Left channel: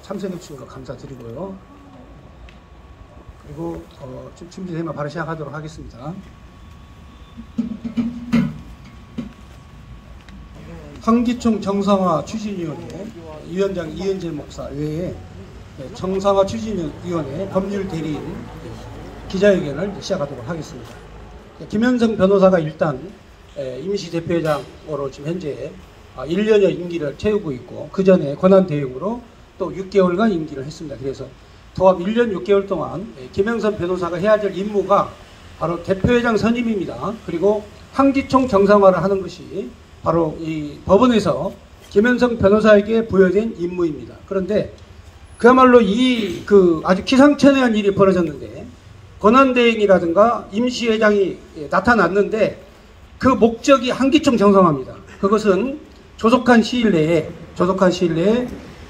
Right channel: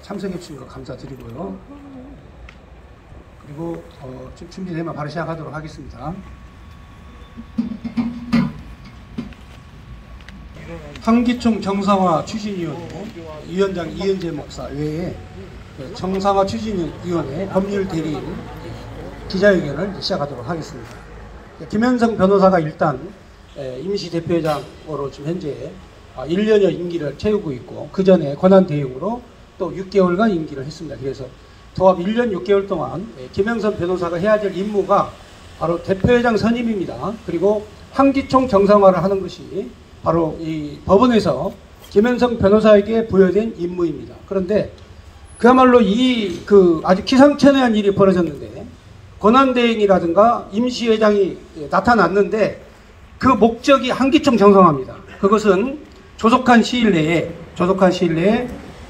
참석해 주신 거 감사드리고요. 그리고 준비되면 바로 시작하도록 하겠습니다. 한기총 정상화 추진위원회 위원장 이은재 목사 외에 정상화 추진위원회 법률 대리인 기자회견을 시작하도록 하겠습니다. 김현성 변호사가 일단 임시대표회장으로 지금 현재 1년여 임기를 채우고 있고, 그 전에 권한대행으로 또 6개월간 임기를 했습니다. 그래서 도합 1년 6개월 동안 김영선 변호사가 해야 될 임무가 바로 대표회장 선임입니다. 그리고 한기총 정상화를 하는 것이 바로 이 법원에서 김현성 변호사에게 부여된 임무입니다. 그런데 그야말로 아주 기상천외한 일이 벌어졌는데, 권한대행이라든가 임시회장이 나타났는데 그 목적이 한기총 정상화입니다. 그것은 조속한 시일 내에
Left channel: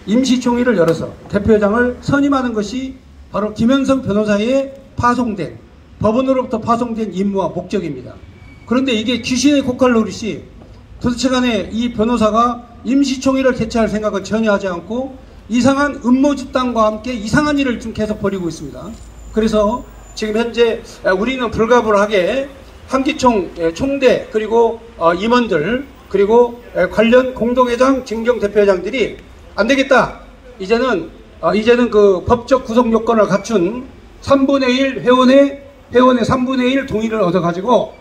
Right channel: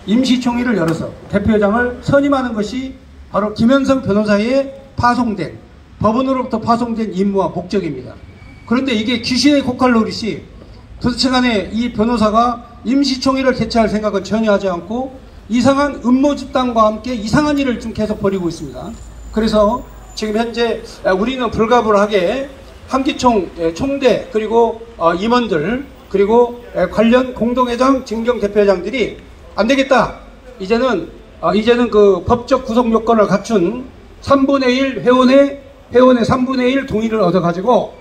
임시총회를 열어서 대표회장을 선임하는 것이 바로 김현성 변호사의 법원으로부터 파송된 임무와 목적입니다. 그런데 이게 귀신의 코칼 노릇이 도대체 간에 이 변호사가 임시총회를 개최할 생각은 전혀 하지 않고 이상한 음모 집단과 함께 이상한 일을 좀 계속 벌이고 있습니다. 그래서 지금 현재 우리는 불가불하게 한기총 총대 그리고 임원들 그리고 관련 공동회장 진경대표회장들이 안 되겠다, 이제는 그 법적 구성 요건을 갖춘 3분의 1 회원의 3분의 1 동의를 얻어가지고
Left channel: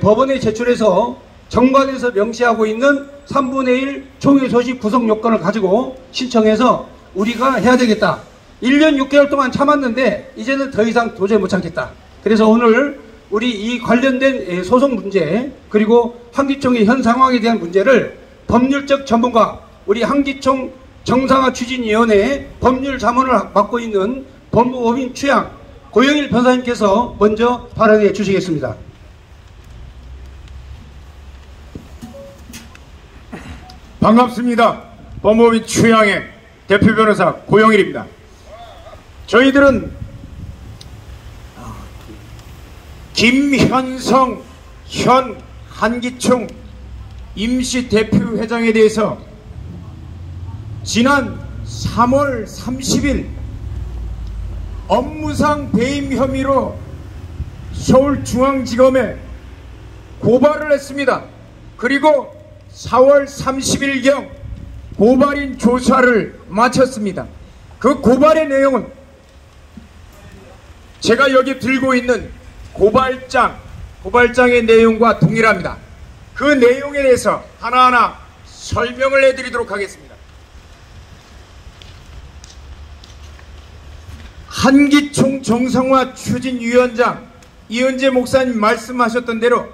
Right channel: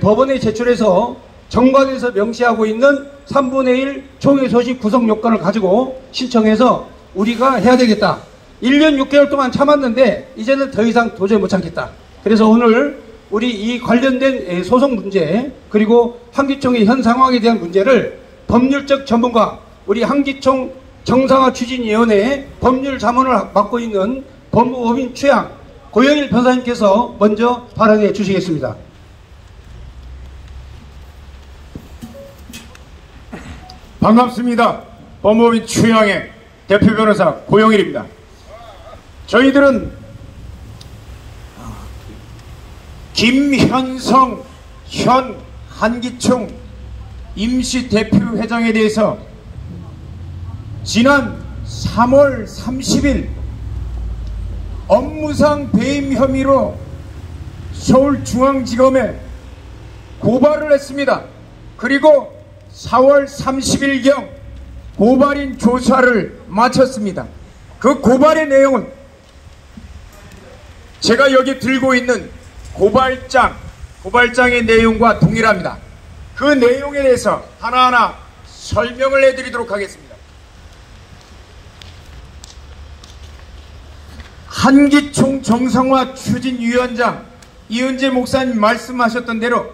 법원에 제출해서 정관에서 명시하고 있는 3분의 1 총회 소식 구성 요건을 가지고 신청해서 우리가 해야 되겠다. 1년 6개월 동안 참았는데 이제는 더 이상 도저히 못 참겠다. 그래서 오늘 우리 이 관련된 소송 문제 그리고 한기총의 현 상황에 대한 문제를 법률적 전문가, 우리 한기총 정상화 추진위원회 법률 자문을 맡고 있는 법무법인 최양 고영일 변호사님께서 먼저 발언해 주시겠습니다. 반갑습니다. 법무법인 최양의 대표 변호사 고영일입니다. 저희들은 김현성 현 한기총 임시대표회장에 대해서 지난 3월 30일 업무상 배임 혐의로 서울중앙지검에 고발을 했습니다. 그리고 4월 30일경 고발인 조사를 마쳤습니다. 그 고발의 내용은 제가 여기 들고 있는 고발장의 내용과 동일합니다. 그 내용에 대해서 하나하나 설명을 해드리도록 하겠습니다. 한기총 정상화 추진위원장 이은재 목사님 말씀하셨던 대로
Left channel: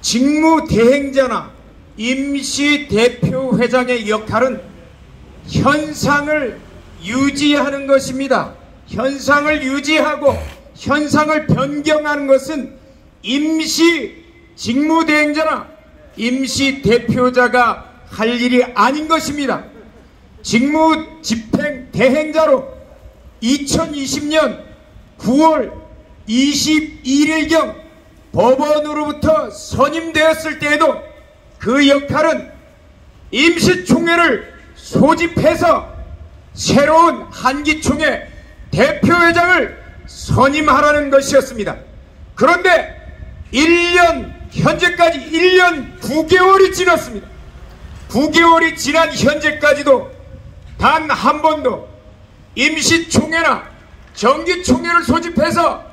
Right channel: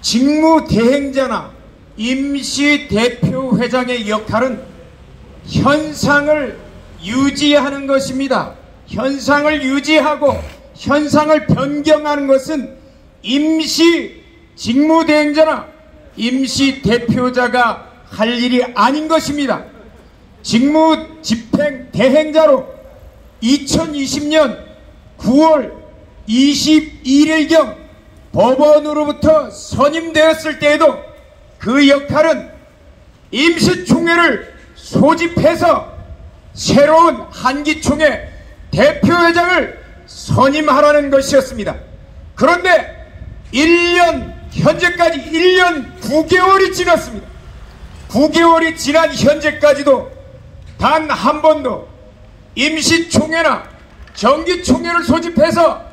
직무대행자나 임시대표회장의 역할은 현상을 유지하는 것입니다. 현상을 유지하고 현상을 변경하는 것은 임시 직무대행자나 임시대표자가 할 일이 아닌 것입니다. 직무집행대행자로 2020년 9월 21일경 법원으로부터 선임되었을 때에도 그 역할은 임시총회를 소집해서 새로운 한기총회 대표회장을 선임하라는 것이었습니다. 그런데 현재까지 1년 9개월이 지났습니다. 9개월이 지난 현재까지도 단 한 번도 임시총회나 정기총회를 소집해서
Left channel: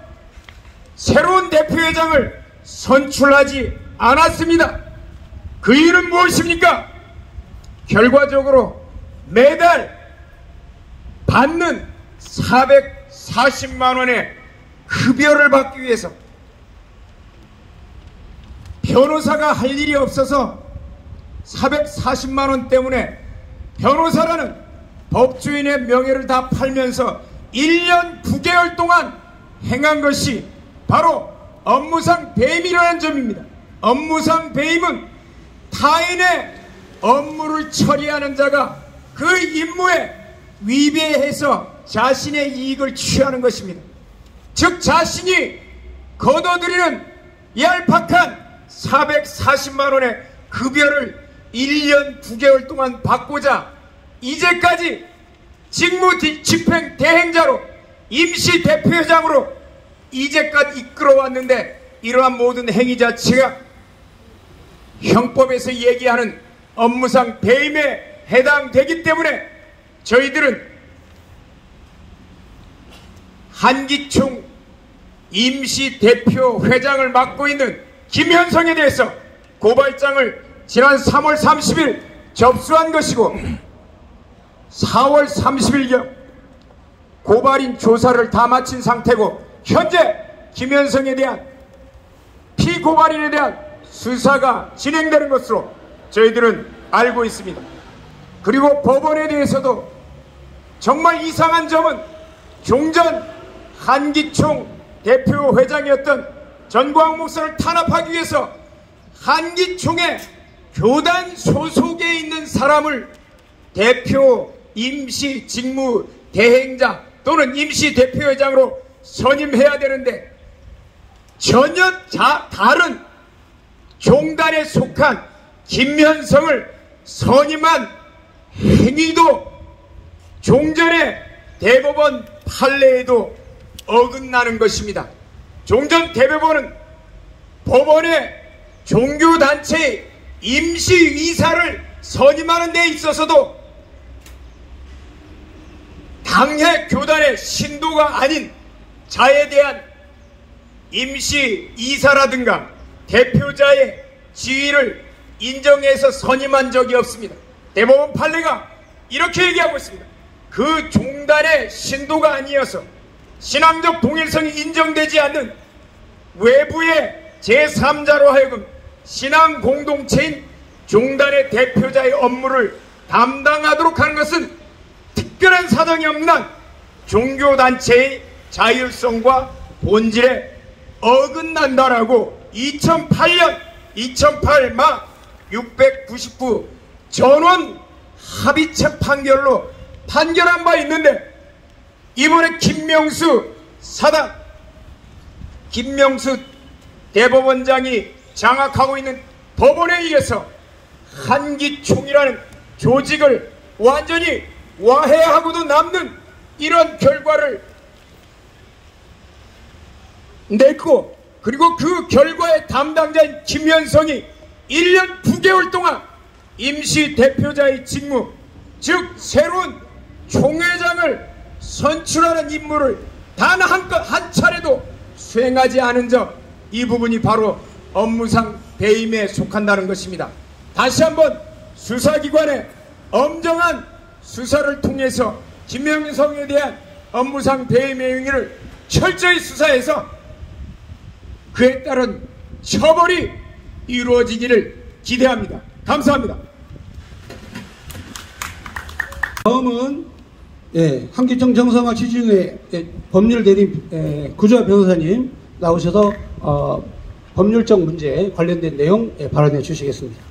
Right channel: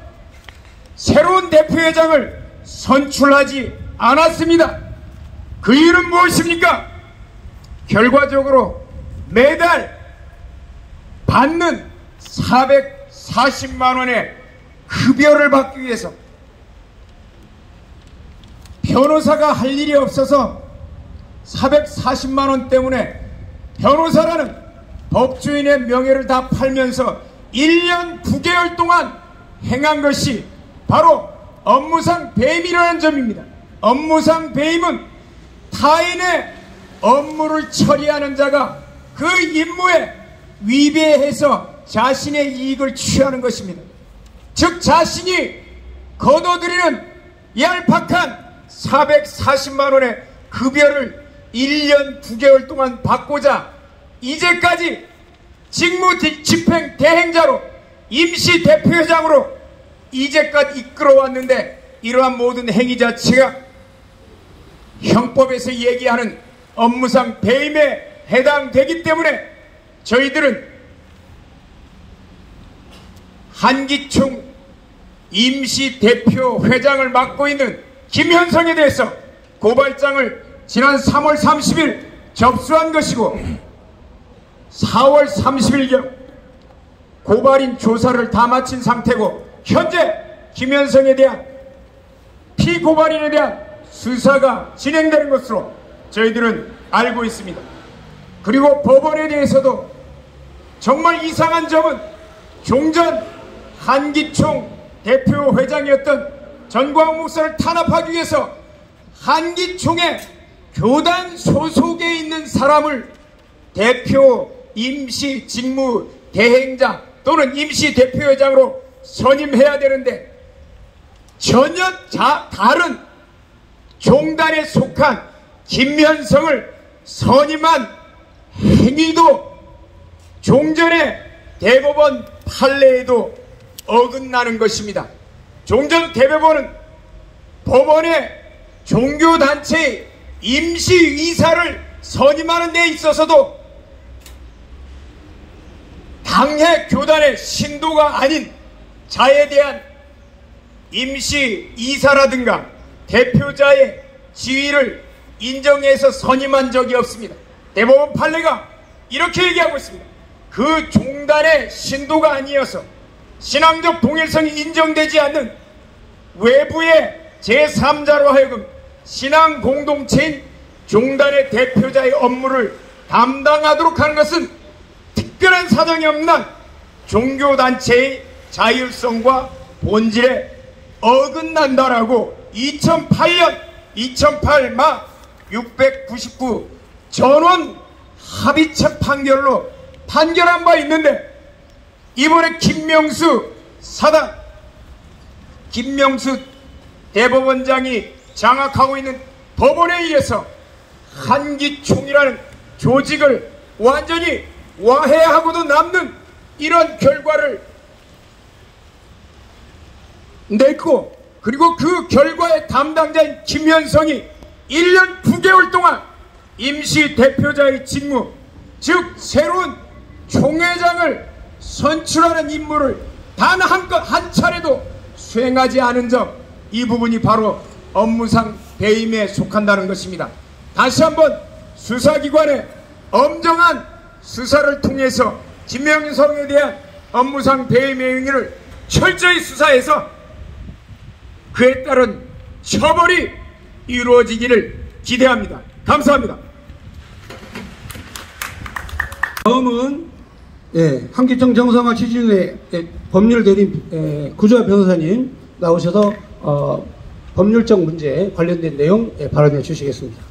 새로운 대표회장을 선출하지 않았습니다. 그 일은 무엇입니까? 결과적으로 매달 받는 440만 원의 급여를 받기 위해서 변호사가 할 일이 없어서 440만 원 때문에 변호사라는 법조인의 명예를 다 팔면서 1년 9개월 동안 행한 것이 바로 업무상 배임이라는 점입니다. 업무상 배임은 타인의 업무를 처리하는 자가 그 임무에 위배해서 자신의 이익을 취하는 것입니다. 즉 자신이 거둬들이는 얄팍한 440만 원의 급여를 1년 9개월 동안 받고자 이제까지 직무 집행 대행자로 임시 대표회장으로 이제까지 이끌어왔는데 이러한 모든 행위 자체가 형법에서 얘기하는 업무상 배임에 해당되기 때문에 저희들은 한기총 임시 대표회장을 맡고 있는 김현성에 대해서 고발장을 지난 3월 30일 접수한 것이고 4월 30일경 고발인 조사를 다 마친 상태고 현재 김현성에 대한 피고발인에 대한 수사가 진행되는 것으로 저희들은 알고 있습니다. 그리고 법원에 대해서도 정말 이상한 점은 종전 한기총 대표회장이었던 전광훈 목사를 탄압하기 위해서 한기총의 교단 소속에 있는 사람을 대표 임시 직무 대행자 또는 임시 대표회장으로 선임해야 되는데 전혀 다른 종단에 속한 김현성을 선임한 행위도 종전의 대법원 판례에도 어긋나는 것입니다. 종전 대법원은 법원의 종교단체의 임시이사를 선임하는 데 있어서도 당해 교단의 신도가 아닌 자에 대한 임시이사라든가 대표자의 지위를 인정해서 선임한 적이 없습니다. 대법원 판례가 이렇게 얘기하고 있습니다. 그 종단의 신도가 아니어서 신앙적 동일성이 인정되지 않는 외부의 제3자로 하여금 신앙 공동체인 종단의 대표자의 업무를 담당하도록 하는 것은 특별한 사정이 없는 종교단체의 자율성과 본질에 어긋난다라고 2008 막 699 전원 합의체 판결로 판결한 바 있는데 이번에 김명수 대법원장이 장악하고 있는 법원에 의해서 한기총이라는 조직을 완전히 와해하고도 남는 이런 결과를 냈고 그리고 그 결과의 담당자인 김현성이 1년 9개월 동안 임시 대표자의 직무 즉 새로운 총회장을 선출하는 임무를 단 한 차례도 수행하지 않은 점 이 부분이 바로 업무상 배임에 속한다는 것입니다. 다시 한번 수사기관의 엄정한 수사를 통해서 김현성에 대한 업무상 배임의 행위를 철저히 수사해서 그에 따른 처벌이 이루어지기를 기대합니다. 감사합니다. 다음은 한기총 정상화 추진회 법률 대리인 구조화 변호사님 나오셔서 법률적 문제에 관련된 내용 발언해 주시겠습니다.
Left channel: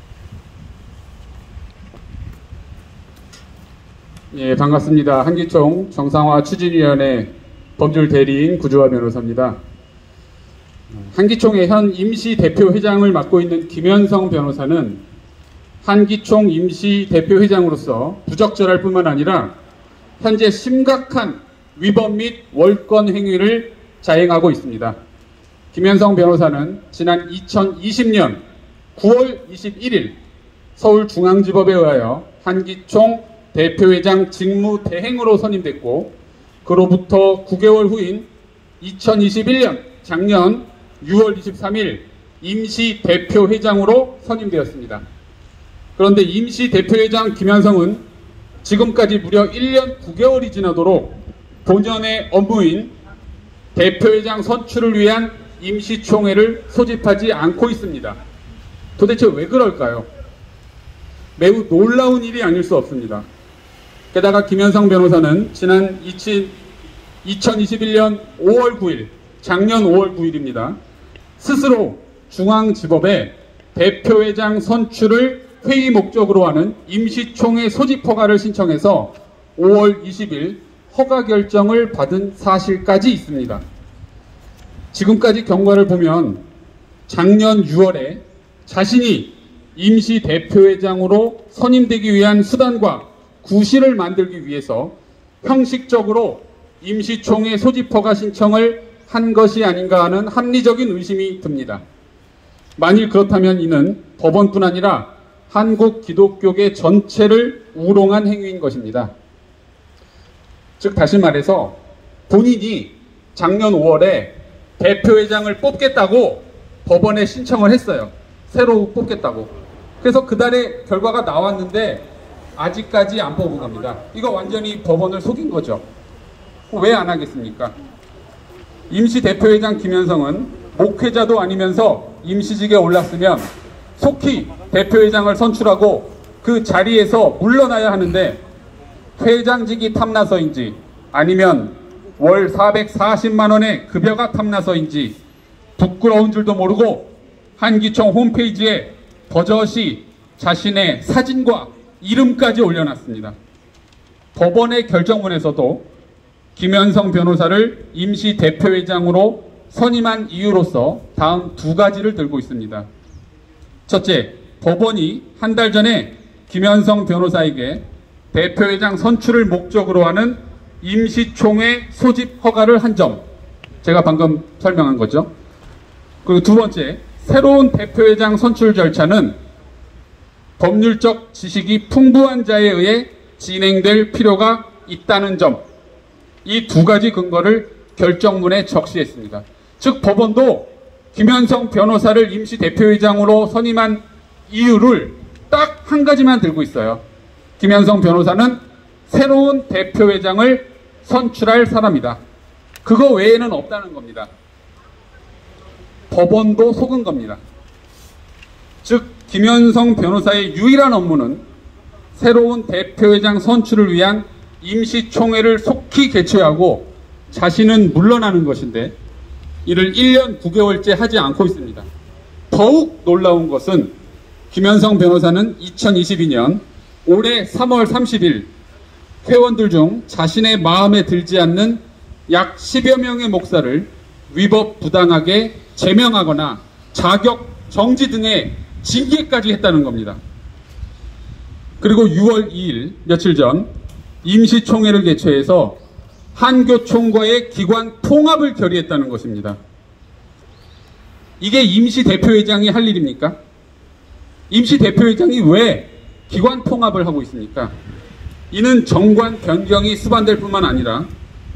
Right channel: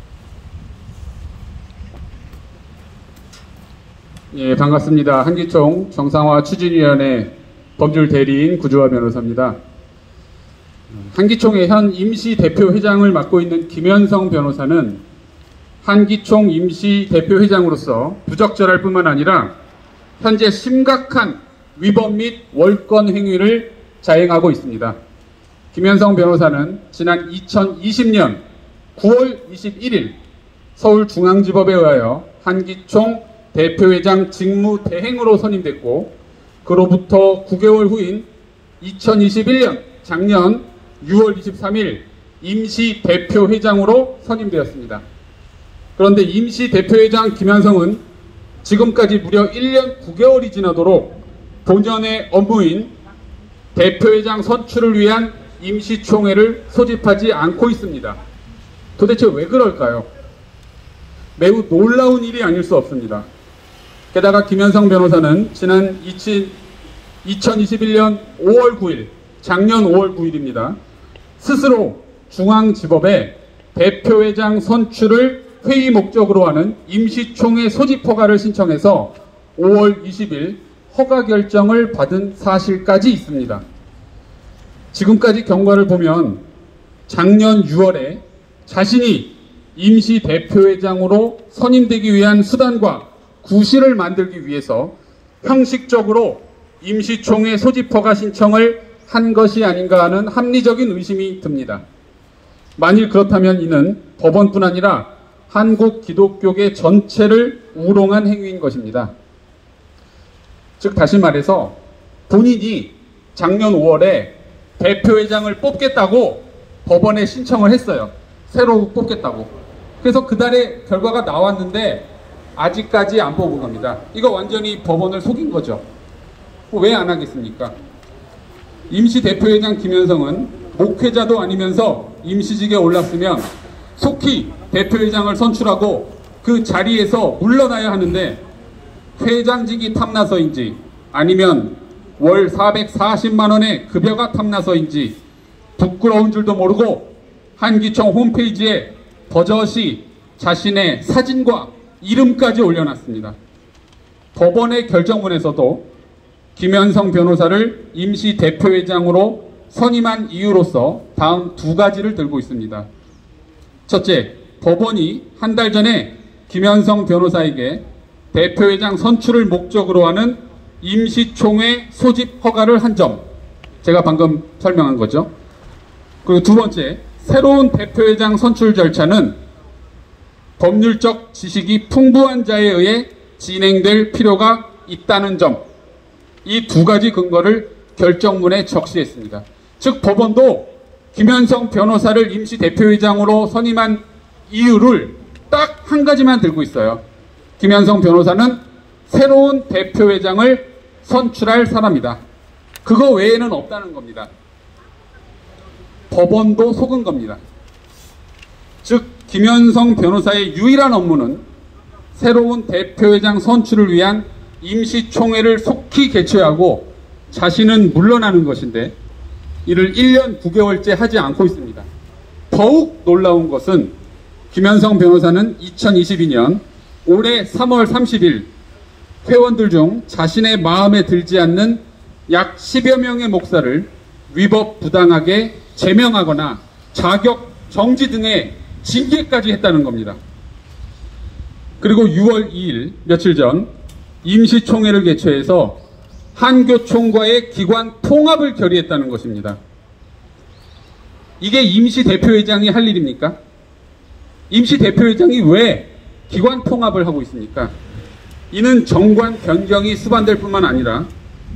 예, 반갑습니다. 한기총 정상화 추진위원회 법률 대리인 구조화 변호사입니다. 한기총의 현 임시 대표회장을 맡고 있는 김현성 변호사는 한기총 임시 대표회장으로서 부적절할 뿐만 아니라 현재 심각한 위법 및 월권 행위를 자행하고 있습니다. 김현성 변호사는 지난 2020년 9월 21일 서울중앙지법에 의하여 한기총 대표회장 직무 대행으로 선임됐고 그로부터 9개월 후인 2021년 작년 6월 23일 임시 대표회장으로 선임되었습니다. 그런데 임시 대표회장 김현성은 지금까지 무려 1년 9개월이 지나도록 본연의 업무인 대표회장 선출을 위한 임시총회를 소집하지 않고 있습니다. 도대체 왜 그럴까요? 매우 놀라운 일이 아닐 수 없습니다. 게다가 김현성 변호사는 지난 2021년 5월 9일, 작년 5월 9일입니다. 스스로 중앙지법에 대표회장 선출을 회의 목적으로 하는 임시총회 소집 허가를 신청해서 5월 20일 허가 결정을 받은 사실까지 있습니다. 지금까지 경과를 보면 작년 6월에 자신이 임시 대표회장으로 선임되기 위한 수단과 구실을 만들기 위해서 형식적으로 임시총회 소집 허가 신청을 한 것이 아닌가 하는 합리적인 의심이 듭니다. 만일 그렇다면 이는 법원뿐 아니라 한국 기독교계 전체를 우롱한 행위인 것입니다. 즉 다시 말해서 본인이 작년 5월에 대표회장을 뽑겠다고 법원에 신청을 했어요. 새로 뽑겠다고. 그래서 그달에 결과가 나왔는데 아직까지 안 뽑은 겁니다. 이거 완전히 법원을 속인 거죠. 왜 안 하겠습니까? 임시 대표회장 김현성은 목회자도 아니면서 임시직에 올랐으면 속히 대표회장을 선출하고 그 자리에서 물러나야 하는데 회장직이 탐나서인지 아니면 월 440만 원의 급여가 탐나서인지 부끄러운 줄도 모르고 한기총 홈페이지에 버젓이 자신의 사진과 이름까지 올려놨습니다. 법원의 결정문에서도 김현성 변호사를 임시 대표회장으로 선임한 이유로서 다음 두 가지를 들고 있습니다. 첫째, 법원이 한 달 전에 김현성 변호사에게 대표회장 선출을 목적으로 하는 임시총회 소집 허가를 한 점, 제가 방금 설명한 거죠. 그리고 두 번째, 새로운 대표회장 선출 절차는 법률적 지식이 풍부한 자에 의해 진행될 필요가 있다는 점, 이 두 가지 근거를 결정문에 적시했습니다. 즉 법원도 김현성 변호사를 임시 대표회장으로 선임한 이유를 딱 한 가지만 들고 있어요. 김현성 변호사는 새로운 대표회장을 선출할 사람이다. 그거 외에는 없다는 겁니다. 법원도 속은 겁니다. 즉 김현성 변호사의 유일한 업무는 새로운 대표회장 선출을 위한 임시총회를 속히 개최하고 자신은 물러나는 것인데 이를 1년 9개월째 하지 않고 있습니다. 더욱 놀라운 것은 김현성 변호사는 2022년 올해 3월 30일 회원들 중 자신의 마음에 들지 않는 약 10여 명의 목사를 위법 부당하게 제명하거나 자격 정지 등의 징계까지 했다는 겁니다. 그리고 6월 2일 며칠 전 임시총회를 개최해서 한교총과의 기관 통합을 결의했다는 것입니다. 이게 임시 대표회장이 할 일입니까? 임시 대표회장이 왜 기관 통합을 하고 있습니까? 이는 정관 변경이 수반될 뿐만 아니라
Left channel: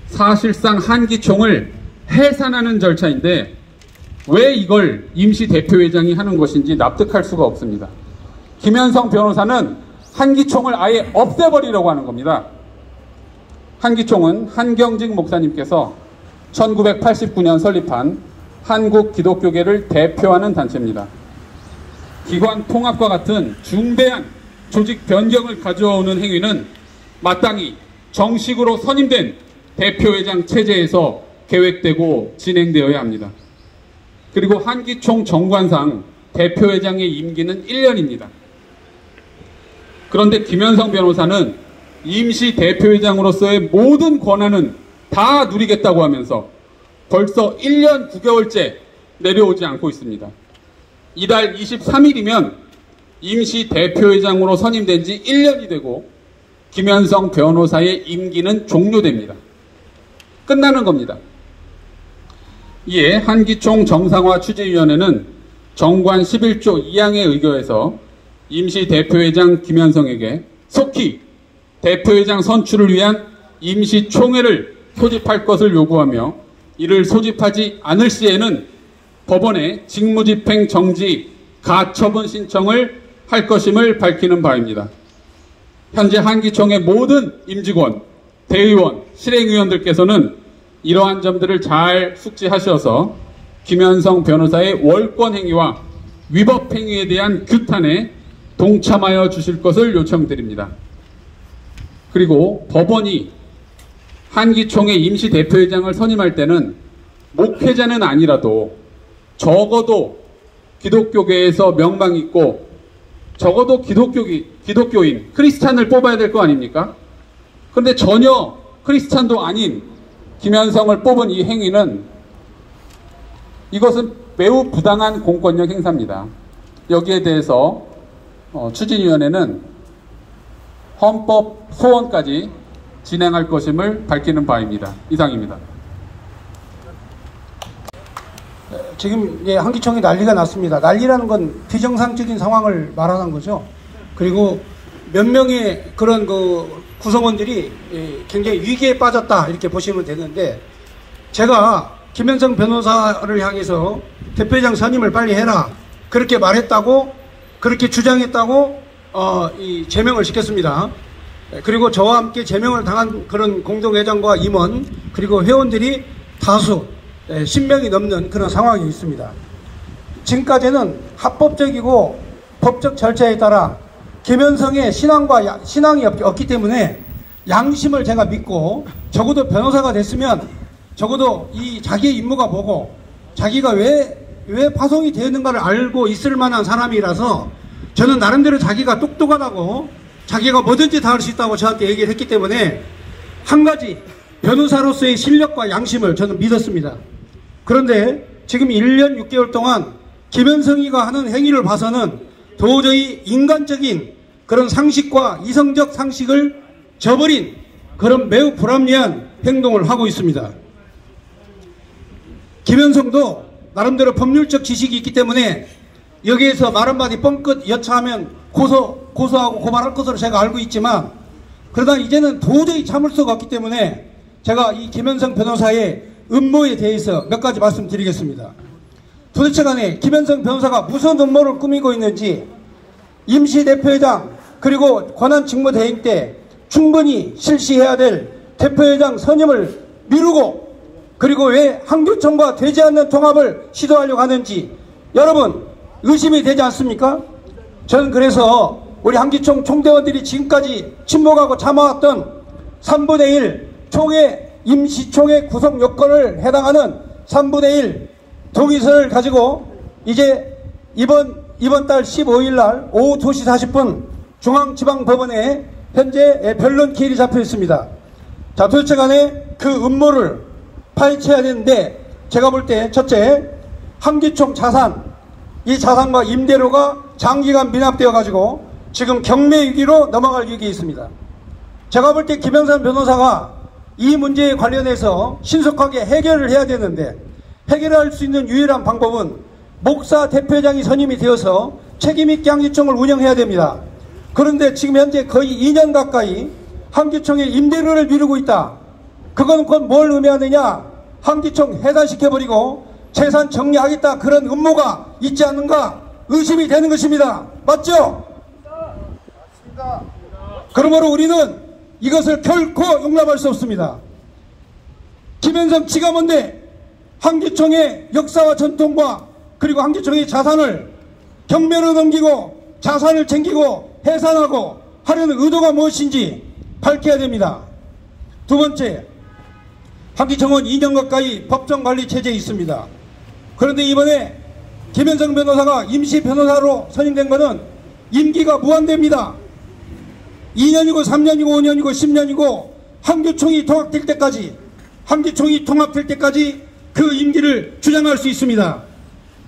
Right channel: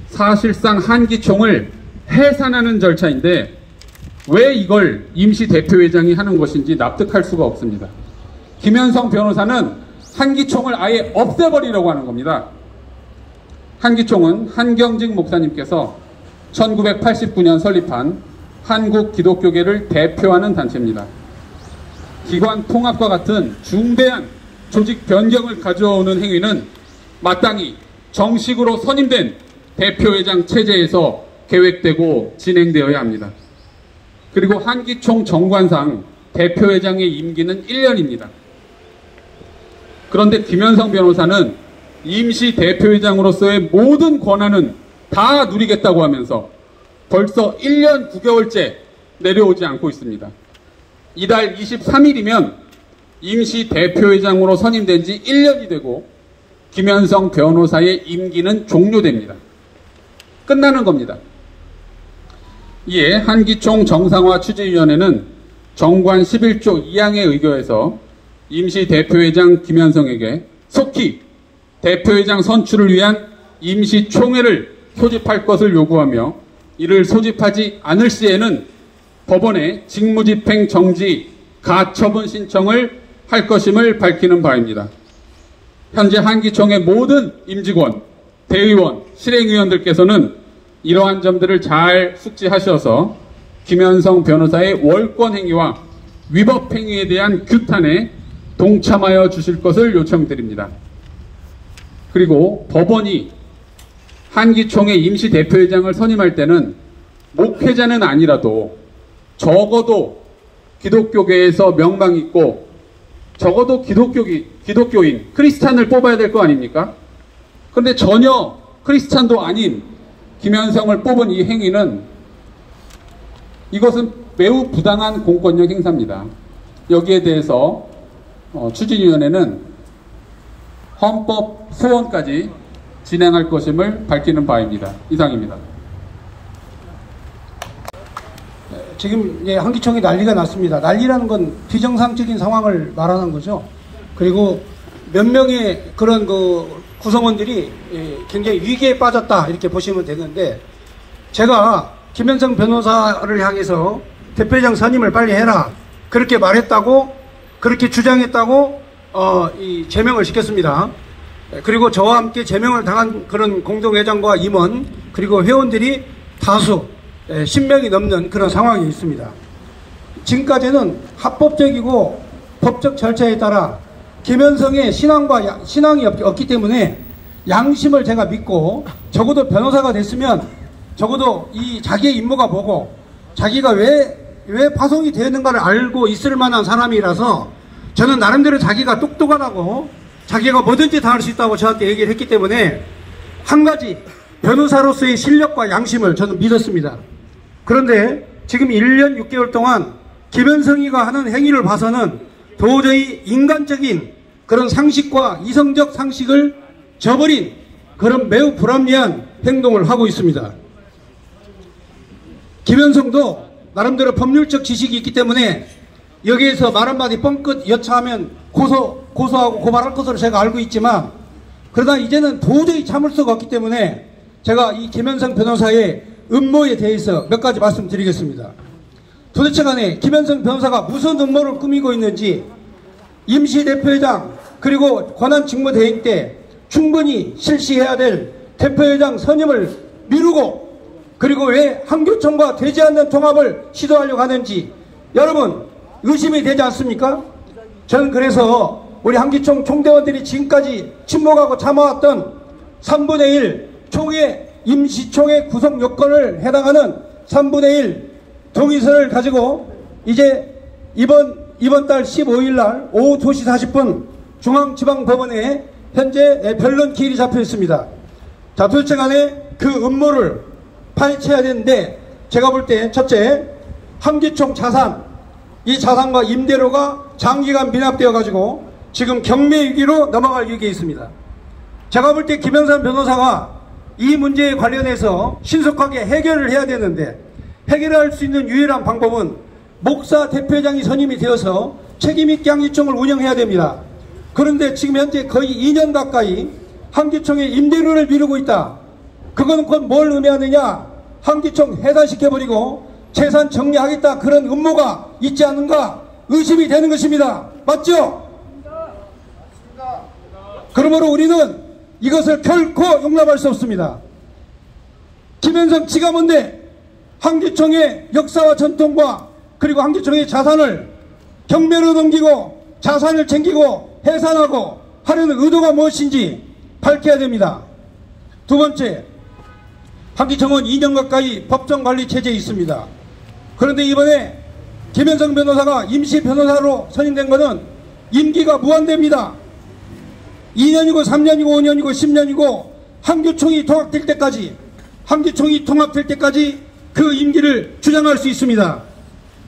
사실상 한기총을 해산하는 절차인데 왜 이걸 임시 대표회장이 하는 것인지 납득할 수가 없습니다. 김현성 변호사는 한기총을 아예 없애버리려고 하는 겁니다. 한기총은 한경직 목사님께서 1989년 설립한 한국 기독교계를 대표하는 단체입니다. 기관 통합과 같은 중대한 조직 변경을 가져오는 행위는 마땅히 정식으로 선임된 대표회장 체제에서 계획되고 진행되어야 합니다. 그리고 한기총 정관상 대표회장의 임기는 1년입니다. 그런데 김현성 변호사는 임시 대표회장으로서의 모든 권한은 다 누리겠다고 하면서 벌써 1년 9개월째 내려오지 않고 있습니다. 이달 23일이면 임시 대표회장으로 선임된 지 1년이 되고 김현성 변호사의 임기는 종료됩니다. 끝나는 겁니다. 이에 한기총 정상화 추진위원회는 정관 11조 2항에 의거해서 임시 대표회장 김현성에게 속히 대표회장 선출을 위한 임시총회를 소집할 것을 요구하며 이를 소집하지 않을 시에는 법원에 직무집행 정지 가처분 신청을 할 것임을 밝히는 바입니다. 현재 한기총의 모든 임직원, 대의원, 실행위원들께서는 이러한 점들을 잘 숙지하셔서 김현성 변호사의 월권 행위와 위법 행위에 대한 규탄에 동참하여 주실 것을 요청드립니다. 그리고 법원이 한기총의 임시 대표회장을 선임할 때는 목회자는 아니라도 적어도 기독교계에서 명망 있고 적어도 기독교인, 크리스찬을 뽑아야 될 거 아닙니까? 그런데 전혀 크리스찬도 아닌 김현성을 뽑은 이 행위는 이것은 매우 부당한 공권력 행사입니다. 여기에 대해서 추진위원회는 헌법 소원까지 진행할 것임을 밝히는 바입니다. 이상입니다. 지금 한기총이 난리가 났습니다. 난리라는 건 비정상적인 상황을 말하는 거죠. 그리고 몇 명의 그런 구성원들이 굉장히 위기에 빠졌다 이렇게 보시면 되는데, 제가 김현성 변호사를 향해서 대표회장 선임을 빨리 해라 그렇게 말했다고, 그렇게 주장했다고 이 제명을 시켰습니다. 그리고 저와 함께 제명을 당한 그런 공동회장과 임원 그리고 회원들이 다수 10명이 넘는 그런 상황이 있습니다. 지금까지는 합법적이고 법적 절차에 따라 김현성의 신앙이 없기 때문에 양심을 제가 믿고, 적어도 변호사가 됐으면 적어도 이 자기의 임무가 뭐고 자기가 왜 파송이 되었는가를 알고 있을 만한 사람이라서, 저는 나름대로 자기가 똑똑하다고 자기가 뭐든지 다 할 수 있다고 저한테 얘기를 했기 때문에 한 가지 변호사로서의 실력과 양심을 저는 믿었습니다. 그런데 지금 1년 6개월 동안 김현성이가 하는 행위를 봐서는 도저히 인간적인 그런 상식과 이성적 상식을 저버린 그런 매우 불합리한 행동을 하고 있습니다. 김현성도 나름대로 법률적 지식이 있기 때문에 여기에서 말 한마디 뻥끗 여차하면 고소하고 고발할 것으로 제가 알고 있지만, 그러다 이제는 도저히 참을 수가 없기 때문에 제가 이 김현성 변호사의 음모에 대해서 몇 가지 말씀드리겠습니다. 도대체 간에 김현성 변호사가 무슨 음모를 꾸미고 있는지, 임시대표회장 그리고 권한직무대행 때 충분히 실시해야 될 대표회장 선임을 미루고, 그리고 왜 한교총과 되지 않는 통합을 시도하려고 하는지 여러분 의심이 되지 않습니까? 저는 그래서 우리 한기총 총대원들이 지금까지 침묵하고 참아왔던 3분의 1 임시총회 구성 요건을 해당하는 3분의 1 동의서를 가지고 이제 이번 달 15일 날 오후 2시 40분 중앙지방법원에 현재 변론 기일이 잡혀 있습니다. 자, 도대체 간에 그 음모를 파헤쳐야 되는데, 제가 볼 때 첫째, 한기총 자산, 이 자산과 임대료가 장기간 미납되어 가지고 지금 경매 위기로 넘어갈 위기에 있습니다. 제가 볼 때 김현성 변호사가 이 문제에 관련해서 신속하게 해결을 해야 되는데, 해결할 수 있는 유일한 방법은 목사 대표회장이 선임이 되어서 책임있게 한기총을 운영해야 됩니다. 그런데 지금 현재 거의 2년 가까이 한기총의 임대료를 미루고 있다. 그건 곧 뭘 의미하느냐? 한기총 해산시켜버리고 재산 정리하겠다, 그런 음모가 있지 않는가 의심이 되는 것입니다. 맞죠? 그러므로 우리는 이것을 결코 용납할 수 없습니다. 김현성 지가 뭔데 한기총의 역사와 전통과 그리고 한기총의 자산을 경매로 넘기고 자산을 챙기고 해산하고 하려는 의도가 무엇인지 밝혀야 됩니다. 두 번째, 한기총은 2년 가까이 법정관리 체제에 있습니다. 그런데 이번에 김현성 변호사가 임시 변호사로 선임된 것은 임기가 무한대입니다. 2년이고 3년이고 5년이고 10년이고 한기총이 통합될 때까지 그 임기를 주장할 수 있습니다.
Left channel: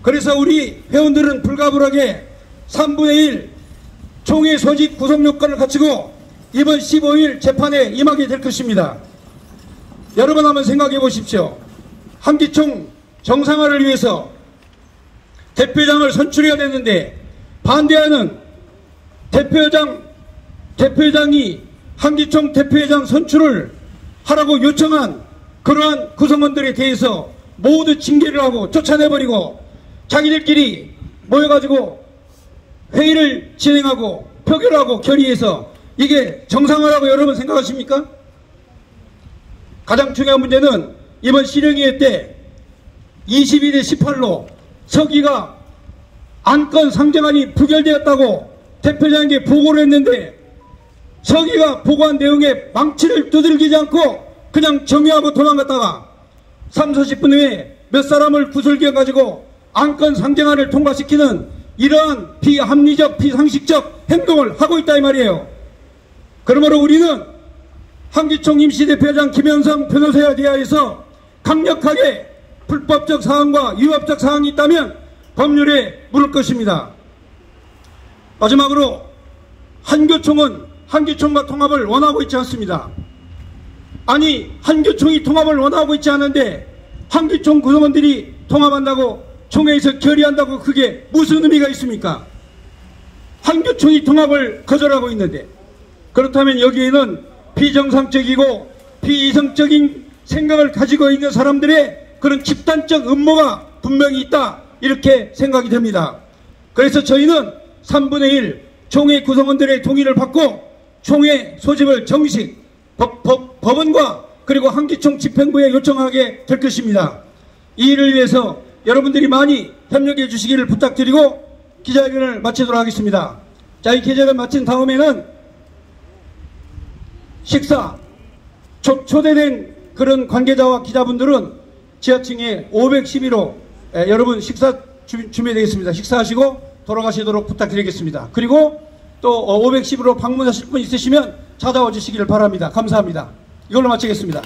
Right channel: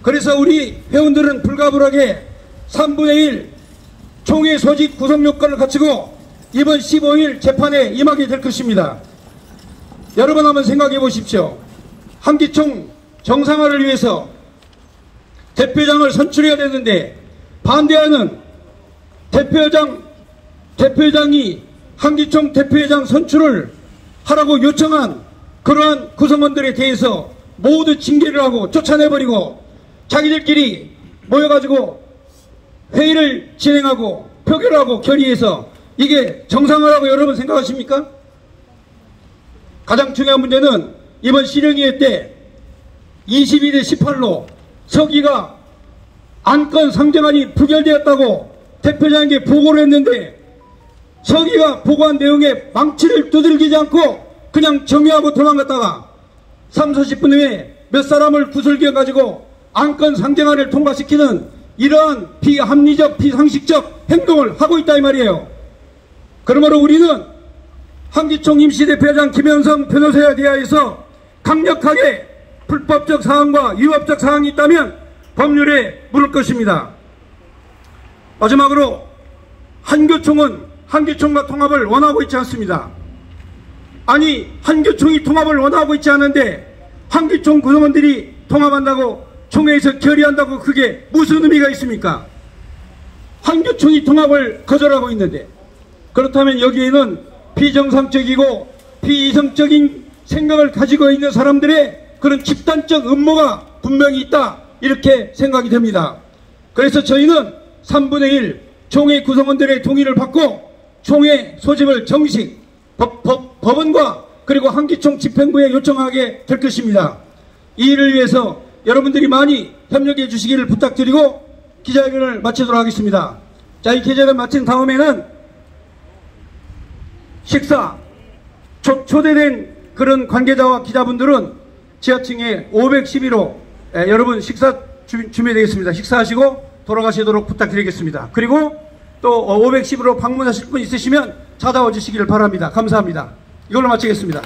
그래서 우리 회원들은 불가불하게 3분의 1 총회 소집 구성 요건을 거치고 이번 15일 재판에 임하게 될 것입니다. 여러분 한번 생각해 보십시오. 한기총 정상화를 위해서 대표회장을 선출해야 되는데 반대하는 대표회장이 한기총 대표회장 선출을 하라고 요청한 그러한 구성원들에 대해서 모두 징계를 하고 쫓아내버리고 자기들끼리 모여가지고 회의를 진행하고 표결하고 결의해서 이게 정상화라고 여러분 생각하십니까? 가장 중요한 문제는 이번 실형위회 때 22대 18로 서기가 안건 상정안이 부결되었다고 대표장에게 보고를 했는데 서기가 보고한 내용에 망치를 두들기지 않고 그냥 정리하고 도망갔다가 30-40분 후에 몇 사람을 구슬겨가지고 안건 상정안을 통과시키는 이러한 비합리적 비상식적 행동을 하고 있다 이 말이에요. 그러므로 우리는 한기총 임시대표장 김현성 변호사에 대하여서 강력하게 불법적 사항과 위법적 사항이 있다면 법률에 물을 것입니다. 마지막으로 한교총은 한교총과 통합을 원하고 있지 않습니다. 아니, 한교총이 통합을 원하고 있지 않은데 한교총 구성원들이 통합한다고 총회에서 결의한다고 그게 무슨 의미가 있습니까? 한교총이 통합을 거절하고 있는데, 그렇다면 여기에는 비정상적이고 비이성적인 생각을 가지고 있는 사람들의 그런 집단적 음모가 분명히 있다, 이렇게 생각이 됩니다. 그래서 저희는 3분의 1 총회 구성원들의 동의를 받고 총회 소집을 정식 법원과 그리고 한교총 집행부에 요청하게 될 것입니다. 이 일을 위해서 여러분들이 많이 협력해 주시기를 부탁드리고 기자회견을 마치도록 하겠습니다. 자, 이 기자회견 마친 다음에는 식사, 초대된 그런 관계자와 기자분들은 지하층에 511호 여러분 식사 준비되겠습니다. 식사하시고 돌아가시도록 부탁드리겠습니다. 그리고 또 511호 방문하실 분 있으시면 찾아와 주시기를 바랍니다. 감사합니다. 이걸로 마치겠습니다.